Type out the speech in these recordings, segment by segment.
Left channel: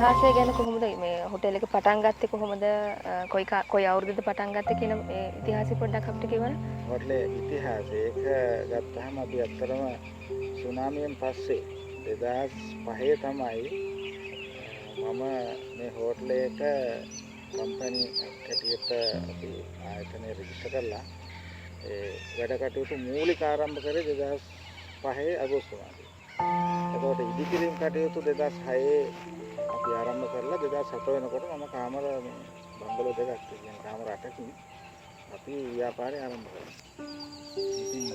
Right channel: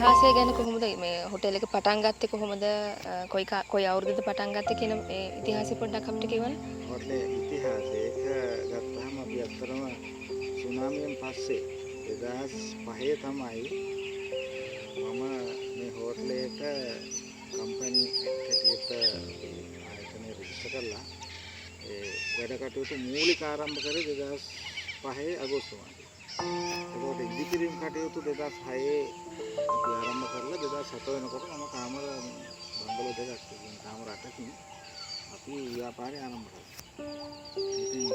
ඉතිහාසය ගැන කොහොමද මේ හොටෙල් එක පටන් ගත්තේ කොහොමද කොයි අවුරුද්දද පටන් ගත්තේ කියන ඒ ඉතිහාසය පොඩ්ඩක් අපිට කියවන්න. හොටලේ ඉතිහාසය ඒක ගත්තාම අපි ඇත්තටම සුනාමියෙන් පස්සේ 2005 තමයි මම මේ හෝටලේට කම්පැනි එකකට අපි ආයතනය රෙජිස්ටර් කරලා ඒ වැඩ කටයුතු මූලික ආරම්භ කරේ 2005 අගෝස්තු මාසයේ. එතකොට ඉදිකිරීම් කටයුතු 2006 අපි ආරම්භ කරලා 2007 වෙනකොට මම කාමර බංගලෝ දෙකක් කියන කාමර 8කින් අපි ව්‍යාපාරය ආරම්භ කළා. ඉතින්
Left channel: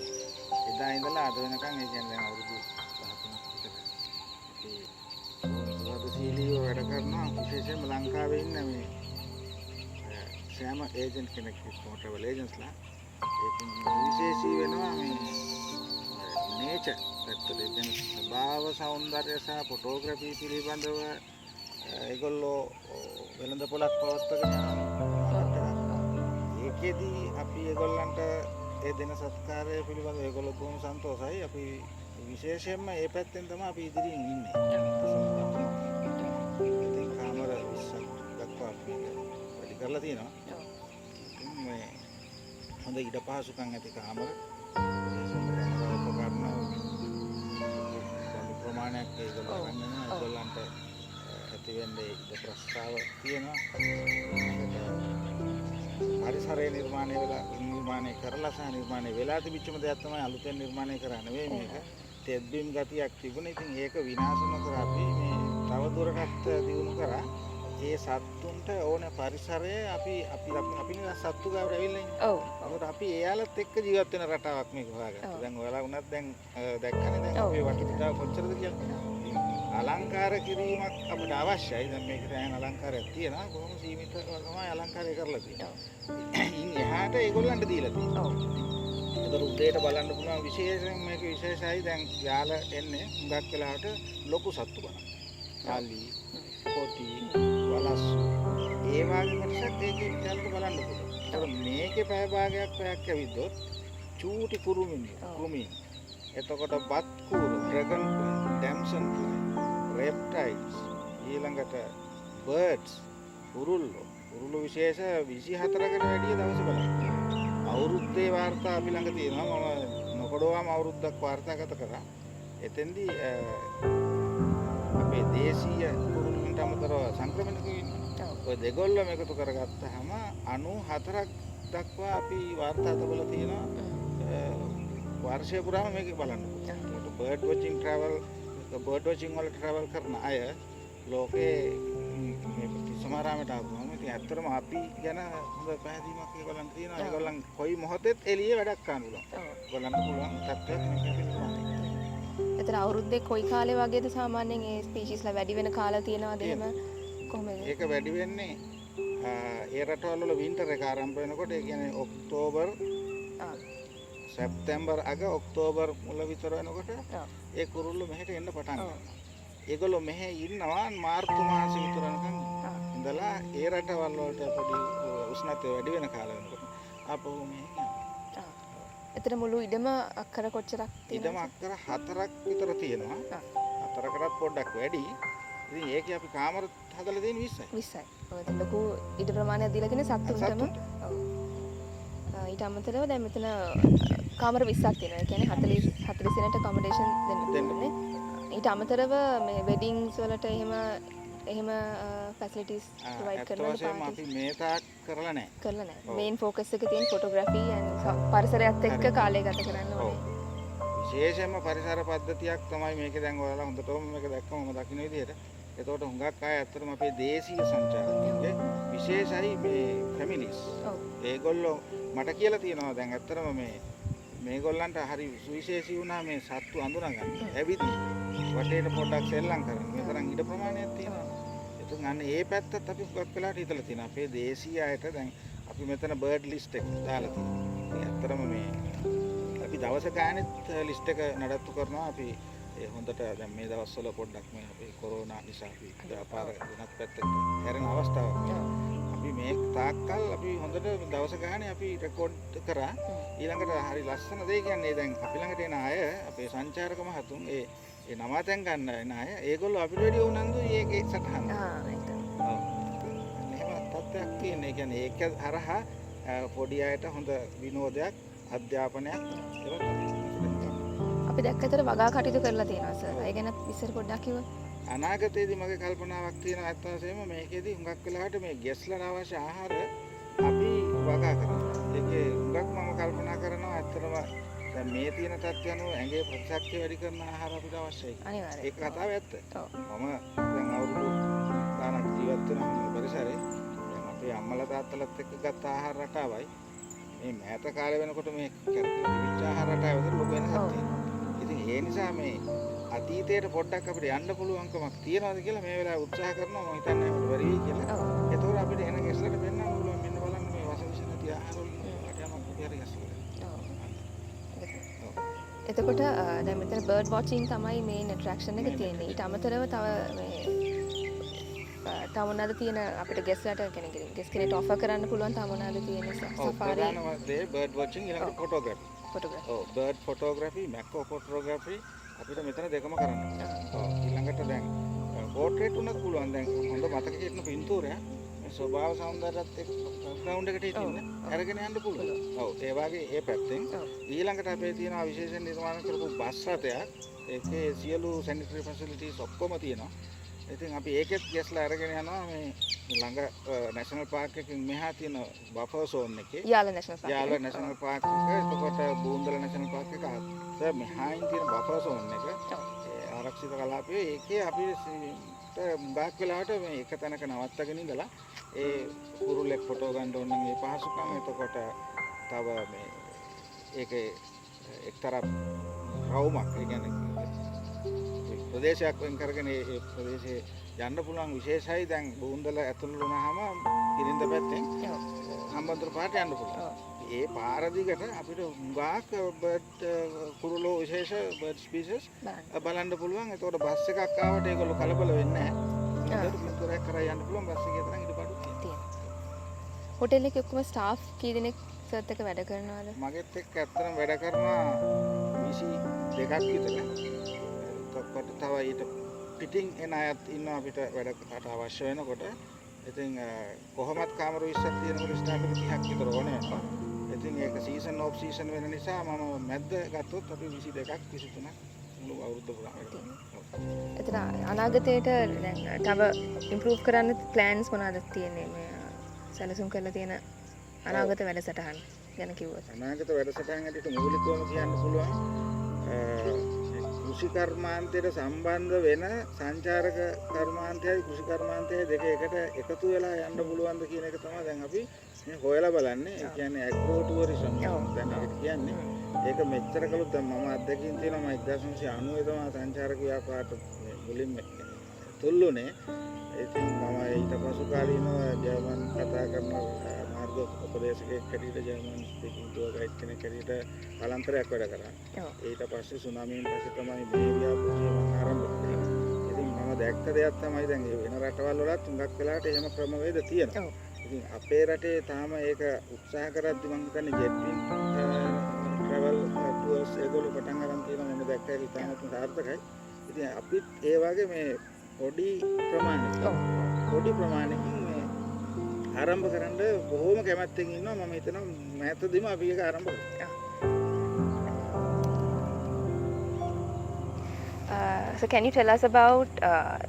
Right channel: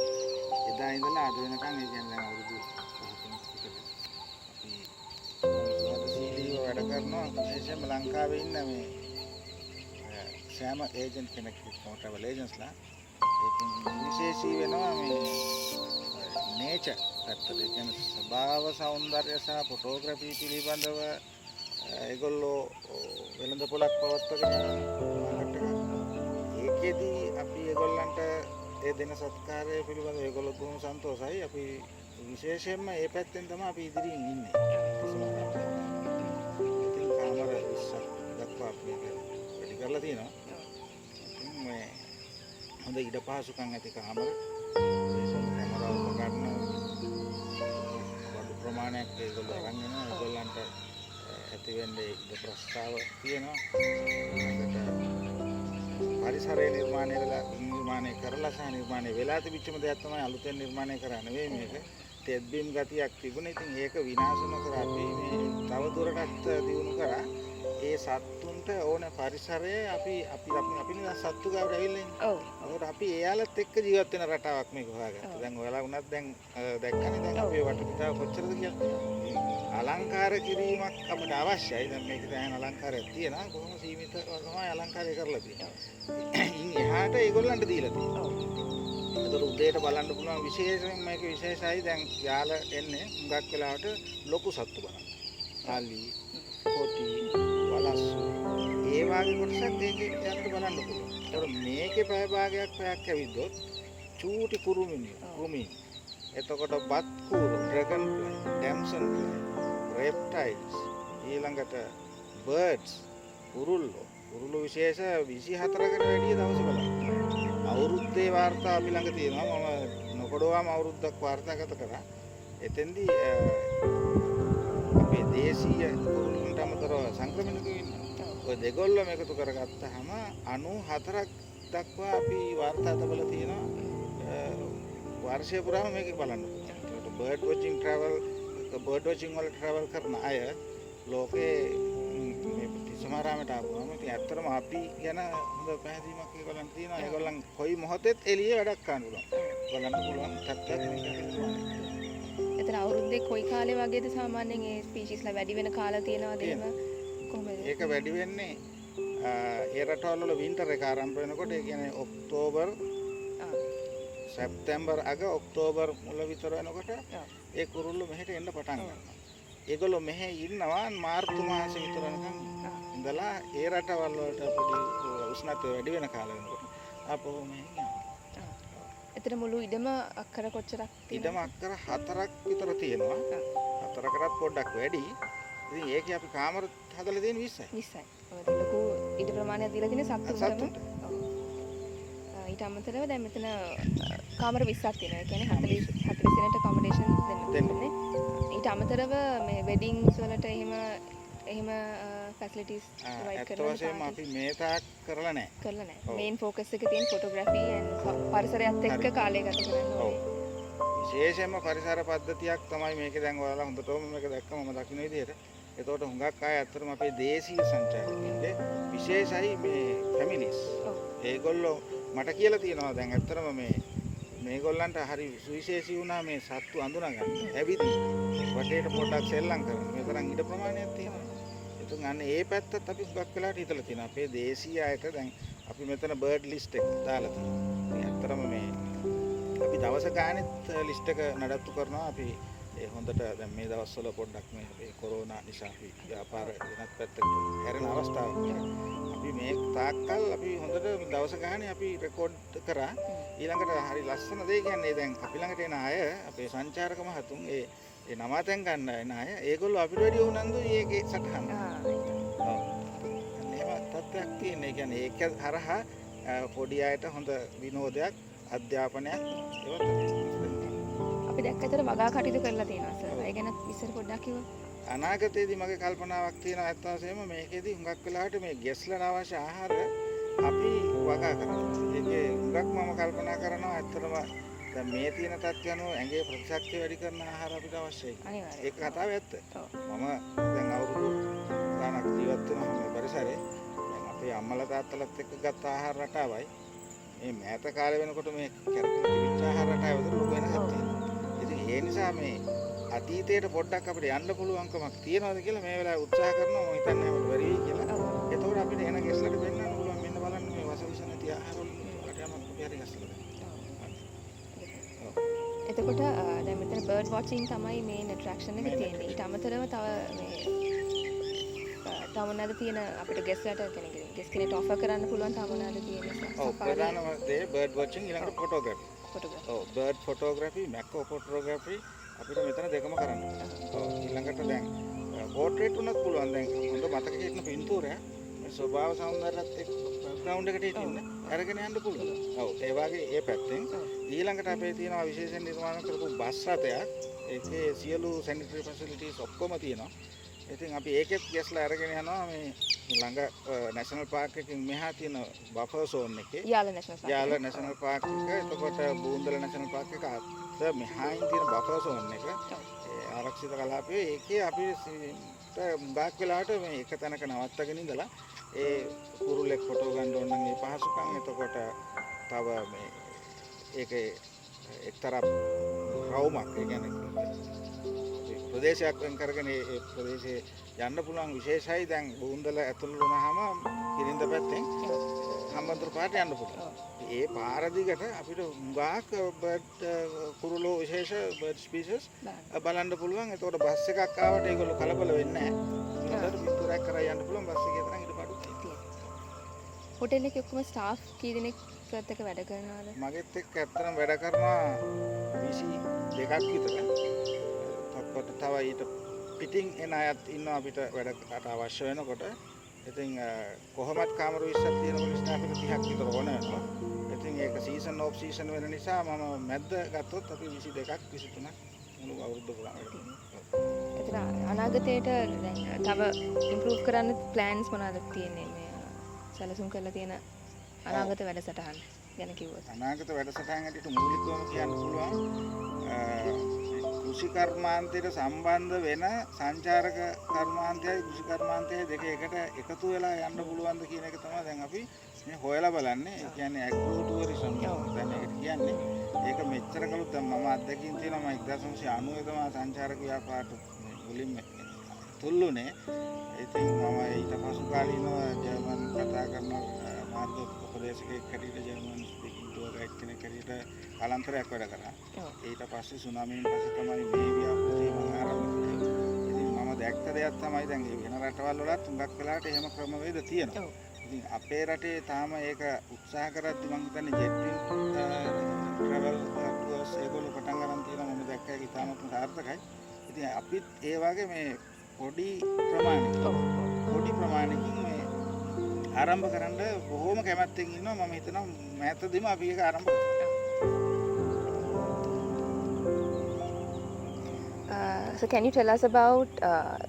එදා ඉඳලා අද වෙනකන් ඒ කියන්නේ දැන් අවුරුදු 13ක් විතර අපි සීලී වැඩ කරනවා. විශේෂයෙන්ම ලංකාවේ ඉන්න මේ සෑම ඒජන්ට් කෙනෙක් ට්‍රැවල් ඒජන්ට්ස්ලා ඒකෙන් විශේෂී වෙනවා මේ නේචර් පැත්තට කියන්නේ ස්වභාව සෞන්දර්ය සහ ෆොටෝග්‍රැෆි පිළිබඳව ඒගොල්ලෝ වෙළඳපොළක් පවත්වගෙන ඒකෙදී අපි ඒගොල්ලන්ට ඒ දෙන සත්කාරය පිළිබඳව ඒගොල්ලෝ බොහොම සන්තෝෂයි. අපි විශේෂයෙන්ම මේ පැත්තෙන් තමයි අපි ඉදිරියෙන් ඉන්නේ. ඉතින් කාමර 20ක් දක්වා මේක වැඩි කරලා තියෙනවා. ඉතින් මේ හොඳ ඉඩ පහසුකම් ඇති කාමර විශේෂයෙන්ම කැමරා උපකරණ බඩු ප්‍රමාණයක් ඒගොල්ලෝ ගන්න වෙනවා. ඒගොල්ලන්ට ඇති වෙන්නේ ඉඩ ප්‍රස්තාව තියෙනවා. පරිසරය නිර්මාණය කරලා සහ නිර්මාණය වෙලා තිබිච්චම දෙයක් තමයි අලුතෙන් නිර්මාණය කරන්නේ නෙවෙයි මේක. තෙත්බීම් ගතියක් තිබුණේ. ඉතින් ඒක විනාශ නොකර අපි මේ තව දුරටත් දියුණු කරා. ඒ සත්තුන්ට ඕන පරිසරය අපි නේ සත්තු ගාවට ඇවිල්ලා ඉන්නේ. ඔව්. ඒකට අපි එයාලත් එක්ක ජීවත් වෙන රටාවක් මේක හොයාගත්තා. දැන් ඔයාලා වුණත් දැන් දැක්කනේ දැන් අපේ වටපිටාව කොච්චරද කියලා. අලංකාර කිරීමක් අපිට අවශ්‍යයි. දැන් මේක දැන් අලංකාරයක් තියෙනවා. කොහොම සීමිත තමයි අලංකාරය කරලා තියෙන්නේ. ඉන් එහාට ඒගොල්ලන්ට දීලා තියෙනවා. ඔව්. ඒක උදේට බලන්න පුළුවන් විශේෂයෙන් මේක විශේෂයි. දැන් යාල එන්නේ හුඟක් වෙලාවට ලොකු සත්තු බලන්න. සාලි, කොටි, වලස්සු. ඒ වගේ කොටසක් ඒකේ යාලට බලන්න පුළුවන්. ඒක මේකේ පැය භාගයක් පැයක් ඇවිද්දොත් චූටි කුරුමිනි. එතකොට බත් කූරු, ඩ්‍රැගන් ෆ්ලයි, ඩැම්සන් ෆ්ලයි, රෙප්ටයිල්ස්, ඊළඟට බර්ඩ්ස්, උරුල්ලෝ විශේෂ 24කට වැඩිය දවස් බලන්න. අවුරුද්දේ වාර්තා අපි ළඟ තියෙනවා. මම නොකඩවාම අවුරුද්දක් වාර්තාගත කරා. එතෙන්දී අපේ දේශීය කුරුල්ලන්ට අමතරව සංක්‍රමණිකව ඉන්නවා. ඔය දෙගොල්ලම එකතු කරගත්තාම 94ක් දක්වා අපි වාර්තා තබලා තියෙනවා. වර්ෂය පුරාම මේක බලන්න පුළුවන්. බර්ඩ් වොචින් වල ට්‍රැවල් කරන අය ලෝකේ මේ සමහරාමට ආවම ඉතින් ඇත්තටම අපි ගැන හොඳ පැහැදීමක් ඒගොල්ලන් තියෙනවා. ඒගොල්ලන් කොයි මොහොතෙත් එළියේ වැඩක් කරන්න පුළුවන්. ඒගොල්ලන්ට පුළුවන් තත්ත්වයක් මේක පිළිගන්න. එතන අවුරුද්දේ කොයි කාලේ වගේද සාමාන්‍යයෙන් ඒ ස්පීෂීස්ලා වැඩි වෙන කාලා තියෙනවද එහෙම කොහොමද? ඒක වැඩි වෙන්නේ ඒ රටවල වල වින්ටර් එක ආරම්භ වෙනකොට ඒ කියන්නේ ඔක්තෝබර් සැප්තැම්බර් අග ඔක්තෝබර් මුල විතර වෙනකොට ඒ කුරුල්ලෝ මෙහෙට එන්න පටන් ගන්නවා. ඒගොල්ලෝ මෙහෙ ඉන්නවා මාර්තු මාසෙ විතර වෙනකන් ඉඳලා ඒ රටවල් වලට පොඩි උෂ්ණත්වය වැඩි වෙන කාලෙ වෙනකොට ආපහු මෙහෙ යනවා. එතන මුළු ඉඩම අක්කර කොච්චරක් තියෙනවද? ඉඩම අක්කර 4ක් විතර තියෙනවා. 4කටත් පොඩ්ඩක් වැඩි. ඉතින් ඒකේ අපි කාමර හදලා තියෙන 20යි. 20යි. ඔය ලොකු ඉඩ ප්‍රමාණයක් දීලා තියෙන සත්තුන්ටම. ඔව්. ඊට අමතරව දැන් මෙතන කාමර 20ක් තියෙනවා. ඒ කියන්නේ 40 දෙනෙක්ට accommodation දෙන්නේ. ඊට අමතරව මේ වෙඩින්ග්ස් වලට එහෙම ෆැසිලිටිස් ප්‍රොවයිඩ් කරනවද පාටිස්? අපි මේ තාක් කරලා නැහැ. මේන් ફોකස් එක තියෙන ෆොටෝග්‍රැෆි and පරිසරයත් එක්ක කාලය ගත කරන්න ඕනේ. විශේෂයෙන්ම පරිසර පද්ධතියක් තමයි මේක දැන් ඔයාලා හොඳටම මේක දැක්කම මම දකින්න විදිහට. ඒතකොට හුඟක් අය ඇත්තටම අපේ දේශීය සංචාරකයන්ගේ විශේෂයි මේ ෆැමිලිස්. ඒගොල්ලෝ මට කියලා තියෙනවා දැන් ඇත්තටම මේගොල්ලන්ට හරි සුවිශේෂී වුණා මේ සත්තු අඳුනගන්න. ඇවිදින් වටේට පොඩ්ඩක් සෙල්ලම් කරන. මේ තරම් ඉඩ ප්‍රමාණයක් තියෙනවා. ඒතුන් අන්න ඒ පැත්තත් අපි හුඟක් වෙලාවට හිතලා තියෙනවා. අපේ දේශීය අයට දැන් අපි මෙතන බර්ඩ් ලිස්ට් එක දාලා තියෙනවා. ඇත්තටම මේ අපි දවස ගානෙත් ලිස්ට් එක නඩත්තු කරනවා. අපි ඒ හොඳට දැන් මේ දවස්වල පොඩ්ඩක් මේ අපේ කොරෝනා නිසා අපි අපාර වෙනත් පැත්තකට හැරෙන අවස්ථාවක්. අපි මේ තාක්කල් අපි හොඳට දවස ගානේ අපි රෙකෝඩ් කරා. ඊළඟට හරි ලස්සන දෙයක් කියන්නේ දැන් අපි ළඟට එන අය අපේ සංචාරක මහතුන් ඒ ඒ නමාතැන් ගන්න එන අය ඒගොල්ලෝ අපිට වැඩි උනන්දුයි ඒකේ සටහන. ඒක. එහෙම තත්ත්වයක් තියෙන. ඒ කියන්නේ ඒක හරහා පොඩි අයට හොඳ විනෝදයක් අධ්‍යාපනයක් ඒක තමයි. අපි දැක්කතර වගා කටයුතු කරලා තියෙනවා සර්. ඒ ගැන ඉස්සර පොඩ්ඩක් කිව්වොත්. අනාගතයේදී මගේ කල්පනාවක් තියෙනවා ඇත්ත වශයෙන්ම මේකෙදී හුඟක් වෙලාවට මේ ගෙස්ලට අවශ්‍ය ආහාර අපි වගා කරනවා. ඒකේ හුඟක් මම කල්පනා කරනවා ඇත්තටම දැන් මේ තියෙන තත්ත්වය අනුව ඇඟේ ප්‍රතිශක්තිය වැඩි කරන ආහාර අපිට අවශ්‍යයි. අනිවාර්යයෙන්. ඒක කතාව ඇත්ත. ඔව්. මම දැන් අවුරුදු ගානක් ජීවත් වෙන මේ පරිසරේ දැන් අපේ අම්මලා තාත්තලාත් එක්ක ගත්ත ආහාර රටාවයි මේ මෑත කාලේ වෙනකොට මේ කරපු තිබිච්ච ආහාර රටාව අතර ලොකු වෙනසක් තියෙනවා. ඉතින් ඒ නිසා මේ අතීතයට පොඩ්ඩක් අපිට යන්න පුළුවන්කමක් තියනවාද කියලා මේ වෙලාවේ උත්සාහ කරනවා මම හිතන්නේ අපිට බැරි වෙයි කියලා. ඒතකොට අපිට එන ගෙස්ලට වෙන්නන්න පුළුවන් මෙන්න බලන්න මේ වසවිස නැති ආහාර වලින් අපිට යන කොහරි ගෙස්ලට. එතකොට දැන් මෙතන බර්ඩ් වොචින් තමයි මේන් ඇට්‍රැක්ෂන් එක තියෙන්නේ. ඊට අමතරව තව මේ තව මොනවාද තියෙන අපිට ගෙස්ලට කියන්නේ ගෙස් කෙනෙක්ට ඔෆර් කරන්න පුළුවන් තව මොනවාද තියෙන සෆාරි දේ බර්ඩ් වොචින් ඊළඟට ෆොටෝග්‍රැෆි. ඔව් බර්ඩ් ෆොටෝග්‍රැෆි මැක්‍රෝ ෆොටෝග්‍රැෆි අපිට මෙතන දෙකම කරන්න. ඊළඟට දැන් පෝට්‍රේට් උනත් පුළුවන්. දැන් හොඳ මතක හිටින පින්තූරය ස්වභාව සෞන්දර්යයත් එක්ක ග්‍රවුන්ඩ් එකට හිටින්න අරගෙන යන්න පුළුවන්. ඔව් ඒ වගේ ඒ පැත්තෙන් ඊළඟට අපේ තියෙනවා විශේෂ නිර්මාණ කරපු බස් රථයක්. ඒකේ සියලු සැනිටරි ෆැසිලිටිස් ඔක්කොම තියෙනවා. ඉතින් අපි ඒකෙත් ගෙස්ලා අරගෙන යනවා මේ ළඟ නැෂනල් පාර්ක් එකකින් මෙහා තියෙන බෆර් සෝන් එකේ. Yala national park. Yala national park එක එතකොට බූන්දල නැෂනල් පාර්ක් එක අතර මෙහායින් තියෙන බෆර් සෝන් එක. ඒ ආරක්ෂිත කලාපයේ ඒකේ අපි බාක් වෙලාවට මේ එක තැනක නවත්තගෙන ඉඳලා ඒ කුරුල්ලෙක් ෆොටෝ ගන්න ඕන නම් ඒ පහසුකම් එතකොට තව මේ ඒකේ එක්තරා රවුමක් ඒ කියන්නේ ප්‍රදේශයක් වෙන් කරගෙන ඒ ප්‍රදේශයේ යන්න පුළුවන් විශේෂයි. දැන් බූන්දල ඇතුළු වුණාම කිරින්ද පැත්තෙන් හම්බන්තොට පාරට යන්න පුළුවන්. ඒ පාර දිගට අපිට හුඟක් බර්ඩ් කුරුළු විශේෂ බර්ඩ් ස්පීෂස් බලන්න පුළුවන්. ඒතකොට බස් එකක් ආවට ඒගොල්ලෝ කලබල වෙන්නේ නැහැ. ඒක පිටුරක් කරා යන්න පුළුවන් බස් එකේ තරම් ඊට පාඩු තියෙනවා. හොටෙල් එකේ ඔක්කොම ස්ටාෆ් කී දෙනෙක් සර්ත් එක වැඩ කරනවද? මගෙත් එක්ක ඇත්තටම වැඩ කරනවා 22ක් විතර. එතකොට තව ඊට පිටින් එන අයත් ඉන්නවා අපිට වැඩකට අවශ්‍ය වෙනකොට. ඉතින් කොහොමත් කාමර 20ක් තියෙනකොට ස්ටාෆ් එක 30ක් විතර ඕනවා. ඉතින් ඒක සීසන් ඔෆ් සීසන් වෙන නිසා මම මැද්ද ගත්තොත් අපි 22ක් 23ක් මුළු අවුරුද්ද පුරාම. එතන අනාගතයට දැන් තව ඉම්ප්‍රූව් කරන්න ප්ලෑන්ස් මොනවද තියෙන්නේ මේ සැලසුම් කරලා තියෙන අනාගත වැඩසටහන් ගැන කිව්වොත්? අනාගත වැඩසටහන් ඇතුළත මූලිකවම කියන්න පුළුවන් කෘෂි කර්මාන්තයට සම්බන්ධ වෙන සංචාරක කර්මාන්තයයි කෘෂි කර්මාන්තයයි දෙක එකට එකතු වෙලා යන්න පුළුවන්ද කියන එක තමයි දැන් අපි මේ හොයලා බලන්නේ. ඒ කියන්නේ ඇග්‍රෝ ටුවරිසම් දැන් ඒකට කියන්නේ. ඒක මෙච්චර කලොත් දැන් මම අත්දැකීම් තියෙනවා. මම 1990 තමයි සංචාරක ව්‍යාපාරට මුලින්ම තුල්ලුනේ. ඉතින් මම ඊට පසු කාලීනව ජර්මන් කතා කරන මාර්ග උපදේශකයෙක් හැටියට ජර්මන් ස්පීකින් ටුවර් ගයිඩ් කෙනෙක් හැටියට කාලාන්තරයක් වැඩ කරා. ඊට පස්සේ සුනාමියෙන් පස්සේ තමයි මේ ව්‍යාපෘතිය මම ආරම්භ කළේ. ඉතින් මම දැක්ක දෙයක් තමයි දැන් මේ වෙන රටවල් වලත් හුඟක් වෙලාවට එහෙම ක්‍රමවේද තියෙනවා. ඉතින් අපේ රටේ තාම ඒක උත්සාහ කරද්දි මම හිතන්නේ ජෙට් ට්‍රැවල් ටුවර්ස් ඒගොල්ලෝ පටන් ගන්න තියෙනවා. මම දැක්ක ඒක ඉතාමත් සාර්ථකයි. ඉතින් අපිත් ඒ වගේ මේ පොඩි ප්‍රමාණයකින් මේ ආරම්භ කරන්න බොහෝම කැමැත්තෙන් ඉන්නවා. මම හිතනවා මෑතදීම අපි ඒක ආරම්භ කරමු. So can you tell us about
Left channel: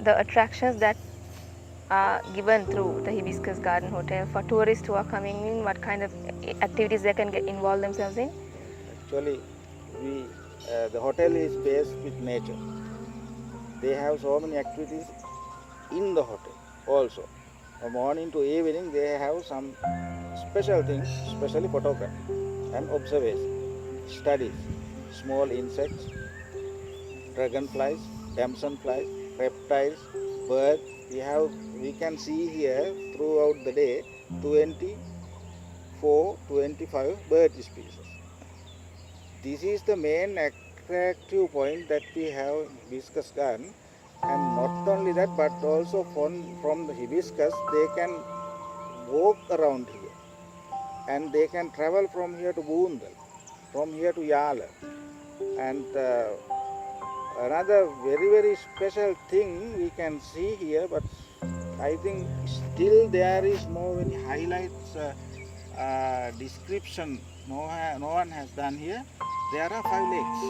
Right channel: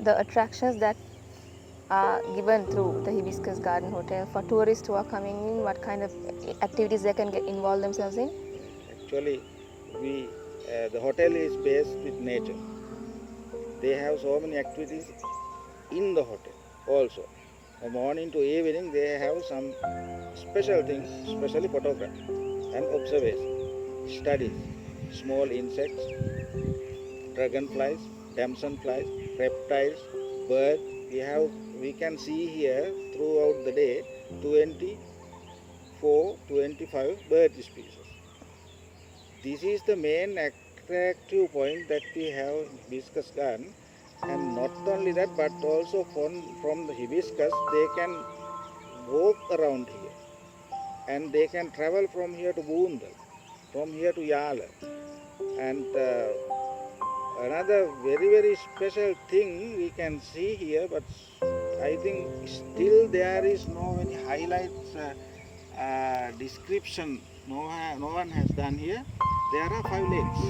the attractions that are given through the Hibiscus Garden Hotel for tourists who are coming in? What kind of activities they can get involved themselves in? Actually, the hotel is based with nature. They have so many activities in the hotel also. From morning to evening, they have some special things, especially photography and observation, studies, small insects, dragonflies, damson flies, reptiles, birds. We can see here throughout the day 24-25 bird species. This is the main attractive point that we have in Hibiscus Garden. And not only that, but also from the hibiscus, they can walk around here. And they can travel from here to Boondal, from here to Yala. And Another very very special thing we can see here, but I think still there is no any highlights description. No one has done here. There are 5 lakes,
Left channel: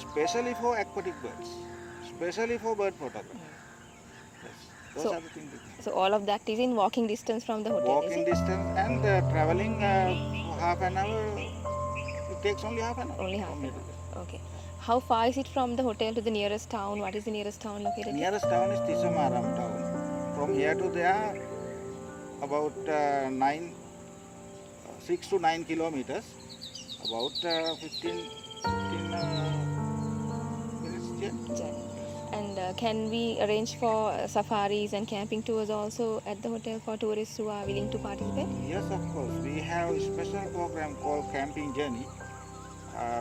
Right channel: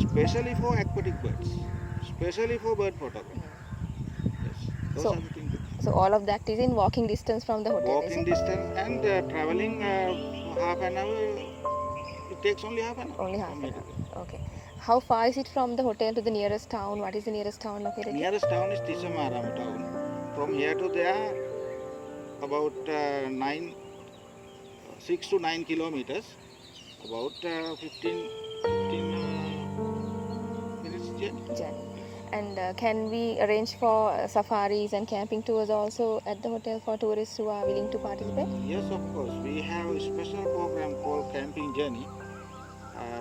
especially for aquatic birds, especially for bird photography. Yes. Those So- are the things. So all of that is in walking distance from the hotel, is Walking it? distance and traveling half an hour. It takes only half an hour. Only half from an here to hour. Okay. How far is it from the hotel to the nearest town? What is the nearest town located? there. Nearest town is Tisamaram town. From here to there, about 6 to 9 kilometers. About 15 minutes journey. Journey. And can we arrange for safaris and camping tours also at the hotel for tourists who are willing to participate? Yes, of course. We have a special program called Camping Journey.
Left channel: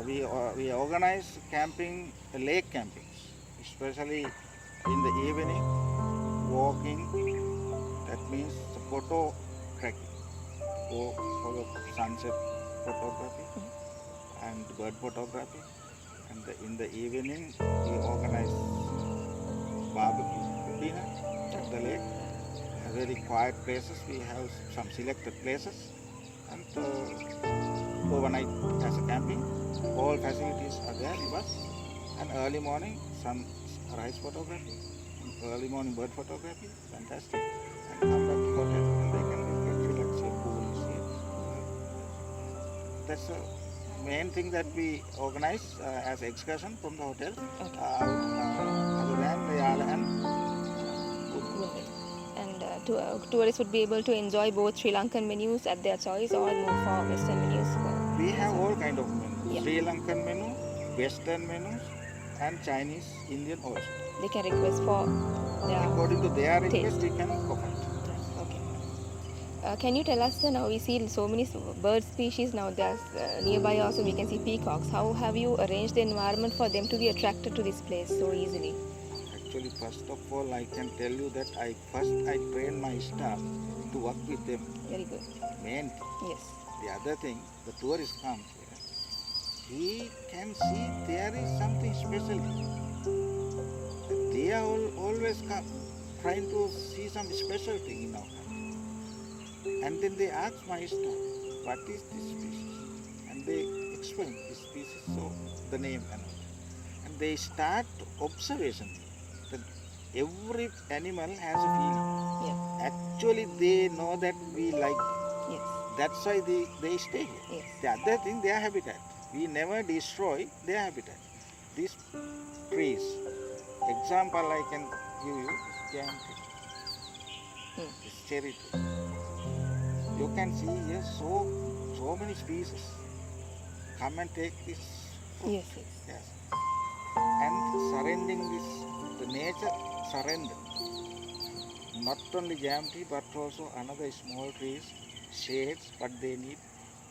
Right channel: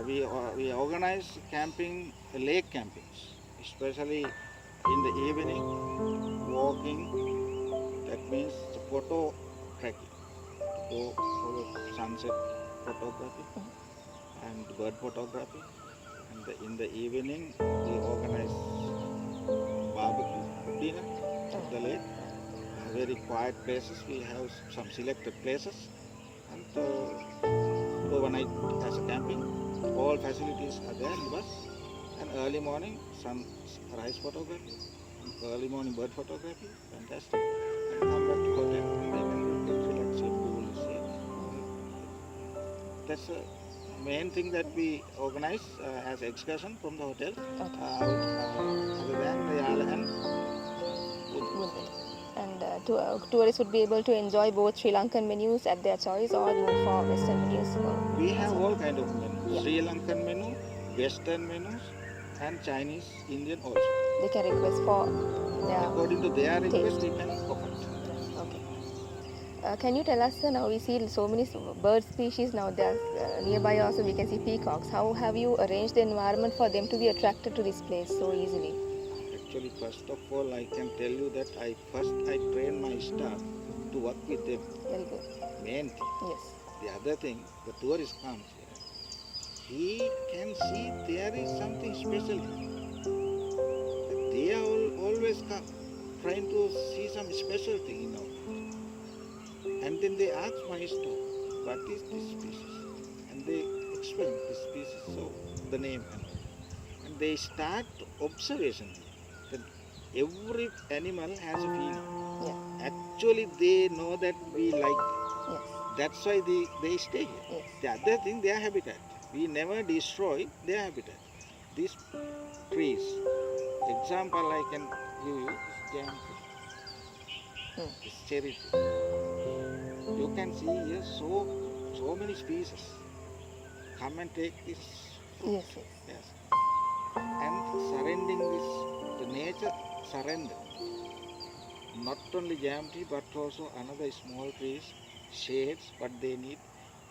We organize camping, lake campings, especially in the evening, walking. That means photo trekking, go for the sunset photography and bird photography. And in the evening, we organize barbecue dinner at the lake. Very quiet places. We have some selected places, and overnight as a camping. All facilities are there with us. And early morning, sunrise photography, and early morning bird photography. Fantastic. And come back to hotel, and they can relax your pool, see. That's the main thing that we organize as excursion from the hotel. Other than the island. Woodville. And tourists would be able to enjoy both Sri Lankan menus at their choice or move for Western menus. We have all kind of menus. Yeah. Sri Lankan menu, Western menus, and Chinese, Indian also. They can request for their. According to their request, taste. we can offer it. Okay. Can you tell us, now we see so many bird species now. There's nearby also we can see peacocks. How have you arranged the environment for them to be attracted to this place so easily? Actually, first of all, I can tell you that I train my staff to work with them. Very good. Main thing. Yes. The other thing, the tourist comes here. He can see there is something special here. They are always come trying to see some special thing in our country. And then they ask my staff, what is this species? And they explain this species, so the name and they start observation that every animal has a feeling. Yeah. Actually, they know that we like them. Yes. That's why they stay here. Yes. The other thing, their habitat. We never destroy their habitat. These trees, example I can give you, jam tree. This cherry tree. You can see here so many species. Come and take this fruit. Yes. Yes. Yes. And surrendering this, the nature surrender. Not only jam tree, but also another small trees, shades, but they need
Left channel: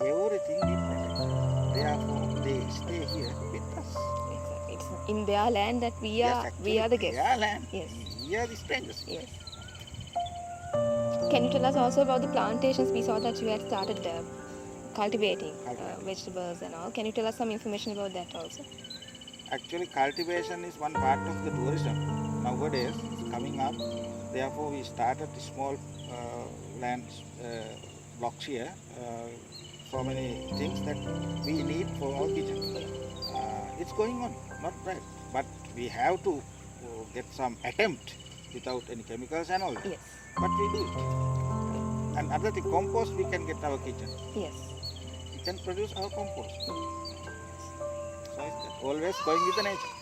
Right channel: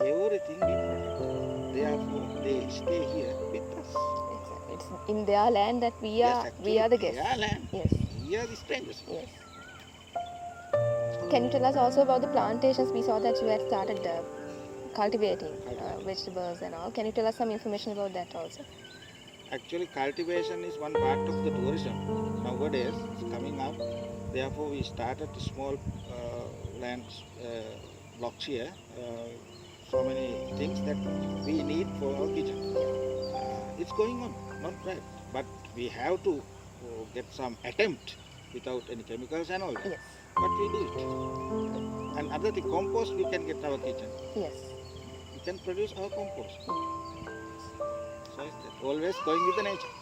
everything we protect. Therefore, they stay here with us. Exactly. It's in their land that we Yes, are actually, the guests. their land. Yes. We are the strangers. Yes. Can you tell us also about the plantations? We saw that you had started cultivating vegetables and all. Can you tell us some information about that also? Actually, cultivation is one part of the tourism. Nowadays, it's coming up. Therefore, we started small land blocks here. So many things that we need for our kitchen. It's going on, not bad. But we have to get some attempt without any chemicals and all that. Yes. But we do it. And other thing, compost we can get our kitchen. Yes. We can produce our compost. So it's always going with the nature.